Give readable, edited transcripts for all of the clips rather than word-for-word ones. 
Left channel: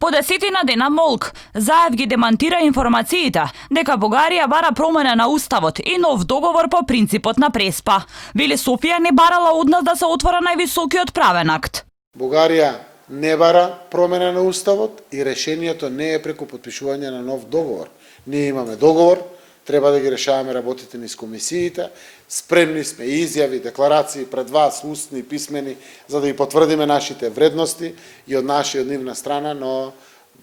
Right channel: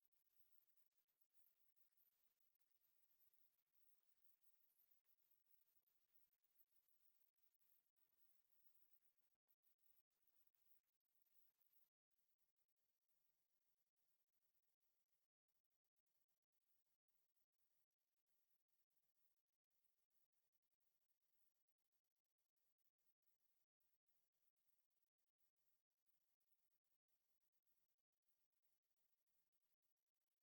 По 10 дена молк, Заев ги демантира информациите дека Бугарија бара промена на уставот и нов договор по принципот на преспа. Вели Софија не барала од нас да се отвора највисокиот правен акт. Бугарија не бара промена на уставот и решението не е преку потпишување на нов договор. Ние имаме договор, треба да ги решаваме работите низ комисиите, спремни сме изјави, декларации пред вас, устни, писмени, за да ги потврдиме нашите вредности и од наша и од нивна страна, но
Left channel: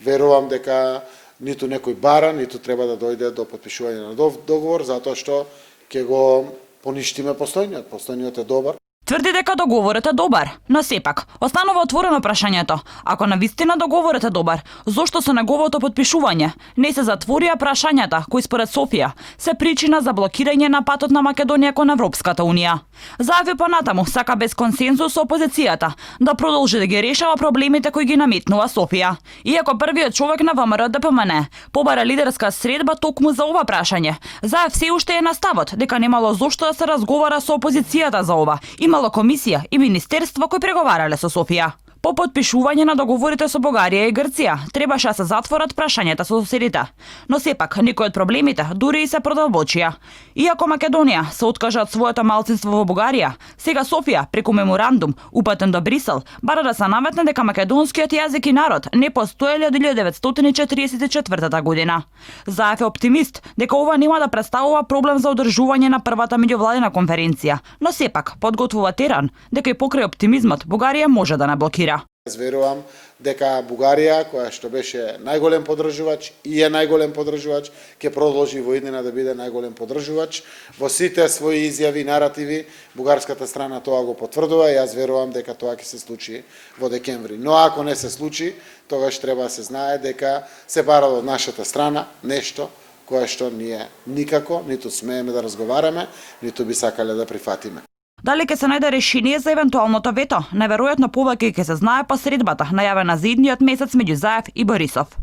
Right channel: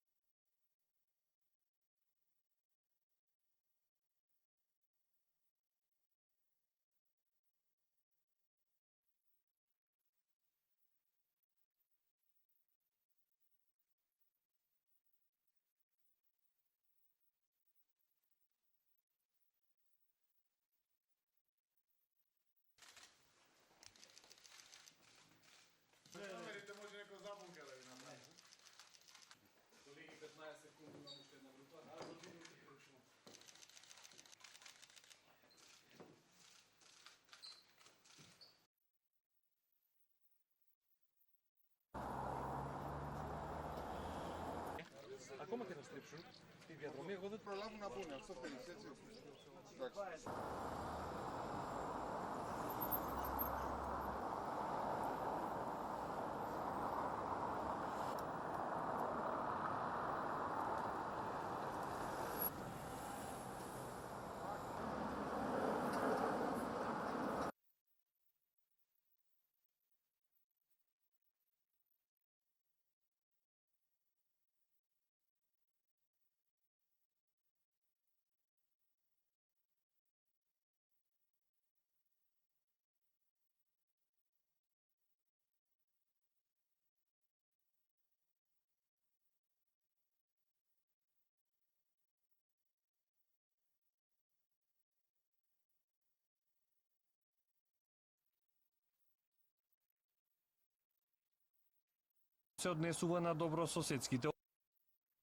верувам дека ниту некој бара, ниту треба да дојде до потпишување на нов договор, затоа што ќе го поништиме постојниот. Постојниот е добар. Тврди дека договорот е добар, но сепак останува отворено прашањето. Ако навистина договорот е добар, зошто со неговото потпишување не се затворија прашањата кои според Софија се причина за блокирање на патот на Македонија кон Европската унија. Заеви понатаму сака без консензус со опозицијата да продолжи да ги решава проблемите кои ги наметнува Софија. Иако првиот човек на ВМРО ДПМН побара лидерска средба токму за ова прашање, Заев се уште е на ставот дека немало зошто да се разговара со опозицијата за ова. Имало комисија и министерство кои преговарале со Софија. По потпишување на договорите со Бугарија и Грција требаше да се затворат прашањата со соседите. Но сепак некои од проблемите дури и се продолбочија. Иако Македонија се откажа од своето малцинство во Бугарија, сега Софија преку меморандум упатен до Брисел бара да се наметне дека македонскиот јазик и народ не постоеле од 1944 година. Заев е оптимист дека ова нема да представува проблем за одржување на првата меѓувладина конференција, но сепак подготвува терен дека и покрај оптимизмот Бугарија може да не блокира. Јас верувам дека Бугарија, која што беше најголем поддржувач и е најголем поддржувач, ќе продолжи во иднина да биде најголем поддржувач. Во сите своји изјави и наративи, бугарската страна тоа го потврдува и јас верувам дека тоа ќе се случи во декември. Но ако не се случи, тогаш треба да се знае дека се бара од нашата страна нешто кое што ние никако ниту смееме да разговараме, ниту би сакале да прифатиме. Дали ќе се најде решение за евентуалното вето? Неверојатно повеќе ќе се знае по средбата, најавена за идниот месец меѓу Заев и Борисов.